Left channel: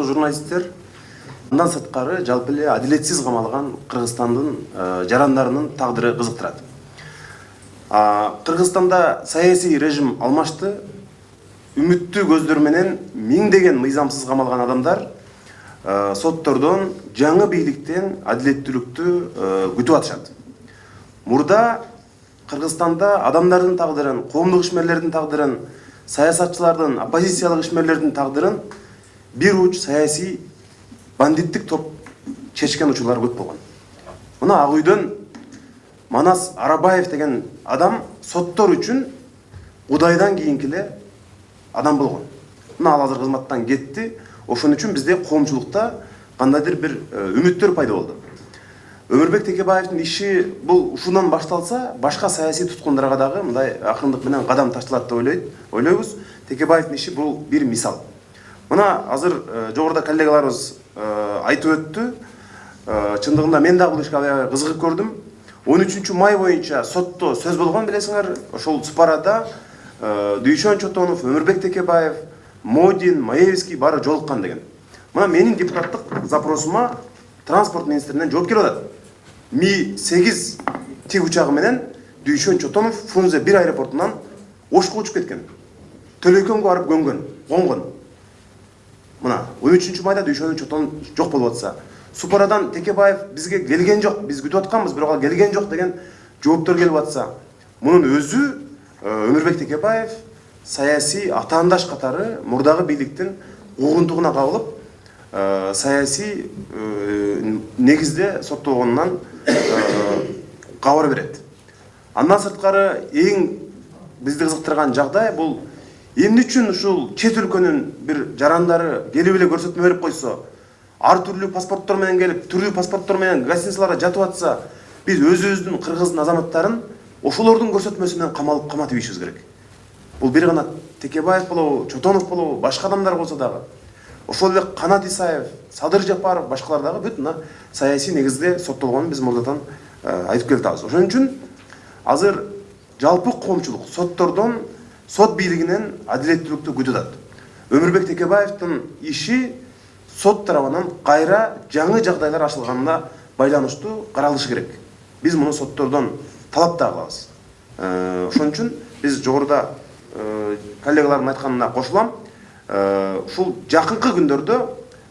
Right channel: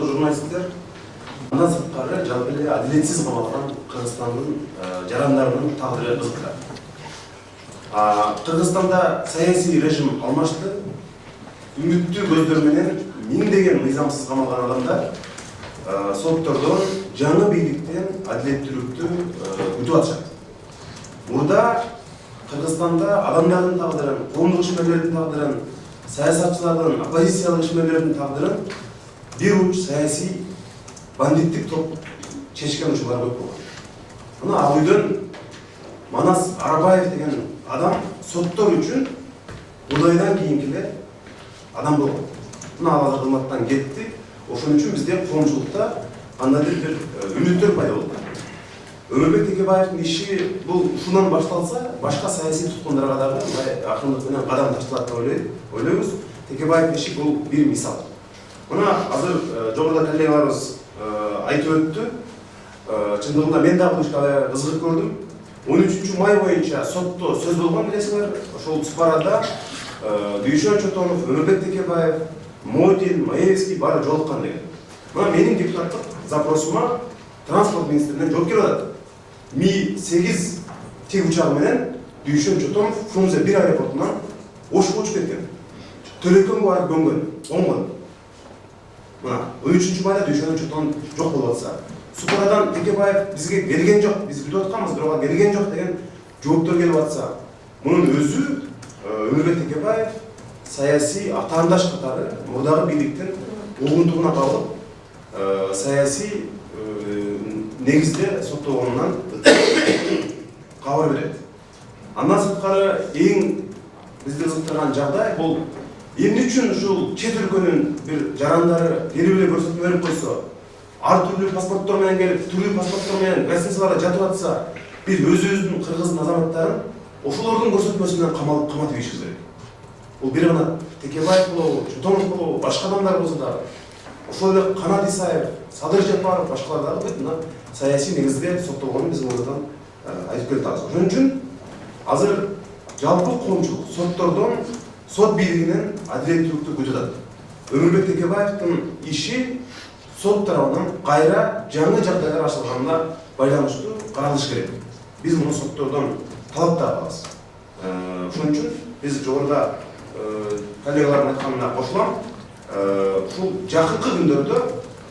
урматтуу журналисттер, андан сырткары жалпы эле адилетсиз камалган Кыргызстандын жарандарынын тагдыры кызыктырат. Кыргызстанда саясий режим алмашты. Үмүттүү көздөр менен миңдеген мыйзамсыз камалган адамдар соттордон, жаңы бийликтен адилеттүүлүктү күтүп атышат. Мурда Кыргызстанда адамдардын тагдырын, коомдук ишмерлердин тагдырын, саясатчылардын, оппозициялык ишмерлердин тагдырын бир уч саясий бандиттик топ чечкен учурлар көп болгон. Мына Ак үйдөн Манас Арабаев деген адам соттор үчүн Удайдан кийинки эле адам болгон. Мына ал азыр кызматтан кетти. Ошон үчүн бизде коомчулукта кандайдыр бир үмүттөр пайда болду. Өмүрбек Текебаевдин иши бул ушундан башталса, башка саясий туткундарга дагы мындай акырындык менен кадам ташталат деп ойлойбуз. Текебаевдин иши бул бир мисал. Мына азыр жогоруда коллегаларыбыз айтып өттү. Чындыгында мен дагы бул ишке аябай кызыгып көрдүм. 13 май боюнча сотто сөз болгон билесиңер. Ошол Цупарада Дүйшөн Чотонов, Өмүрбек Текебаев, Модин, Маевский баары жолуккан деген. Мына менин депутаттык запросума транспорт министринен жооп келип атат. Ми-8 тик учагы менен Дүйшөн Чотонов Фрунзе 1 аэропортунан Ошко учуп кеткен. Төлөйкөнгө барып көнгөн, оңгон. Мына 13 майда Дүйшөн Чотонов жок болуп атса, Супарадан Текебаев бизге келген жок, биз күтүп атканбыз, бирок ал келген жок деген жооптор келип атса, мунун өзү Өмүрбек Текебаев саясий атаандаш катары мурдагы бийликтин угунтугуна кабылып, саясий негизде соттолгонунан кабар берет. Андан сырткары эң бизди кызыктырган жагдай бул эмне үчүн ушул чет өлкөнүн бир жарандары келип эле көрсөтмө берип койсо, ар түрлүү паспорттор менен келип, түрлүү паспорттор менен гостиницаларда жатып атса, биз өзүбүздүн кыргыздын азаматтарын ошолордун көрсөтмөсү менен каматып ийишибиз керек. Бул бир гана Текебаев болобу, Чотонов болобу, башка адамдар болсо дагы, ошол эле Канат Исаев, Садыр Жапаров, башкалар дагы бүт мына саясий негизде соттолгонун биз мурдадан айтып келатабыз. Ошон үчүн азыр жалпы коомчулук соттордон, сот бийлигинен адилеттүүлүктү күтүп атат. Өмүрбек Текебаевдин иши сот тарабынан кайра жаңы жагдайлар ачылганына байланыштуу каралышы керек. Биз муну соттордон талап да кылабыз. Ошон үчүн биз жогоруда коллегалардын айтканына кошулам. Ушул жакынкы күндөрдө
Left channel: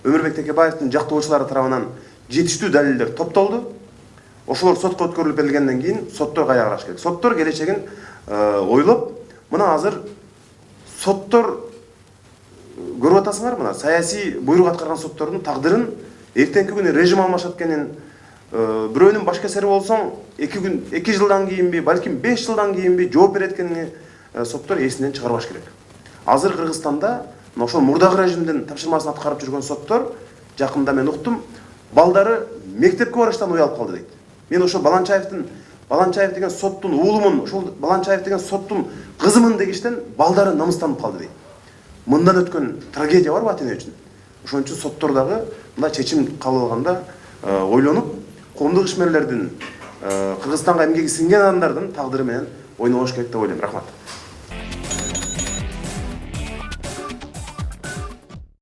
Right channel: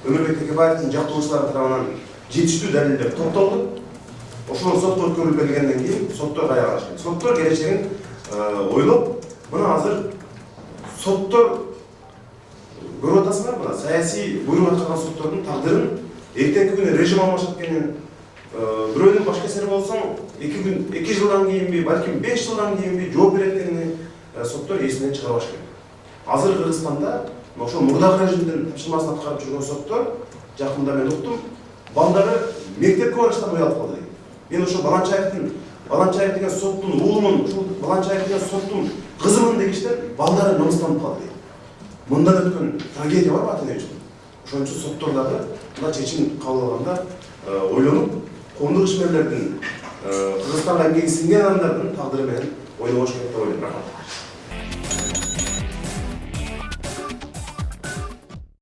Өмүрбек Текебаевдин жактоочулары тарабынан жетиштүү далилдер топтолду. Ошолор сотко өткөрүлүп берилгенден кийин соттор кайра караш керек. Соттор келечегин ойлоп, мына азыр соттор көрүп атасыңар, мына саясий буйрук аткарган соттордун тагдырын эртеңки күнү режим алмашат экенин, бирөөнүн баш кесери болсоң 2 жылдан кийинби, балким 5 жылдан кийинби жооп берет экенин соттор эсинен чыгарбаш керек. Азыр Кыргызстанда ошол мурдагы режимдин тапшырмасын аткарып жүргөн соттор жакында мен уктум, балдары мектепке барыштан уялып калды дейт. Мен ошол Баланчаев деген соттун уулумун, ошол Баланчаев деген соттун кызымын дегиштен балдары намыстанып калды дейт. Мындан өткөн трагедия барбы ата-эне үчүн? Ошон үчүн соттор дагы мына чечим кабыл алганда ойлонуп, коомдук ишмерлердин, Кыргызстанга эмгеги сиңген адамдардын тагдыры менен ойнобош керек деп ойлойм. Рахмат.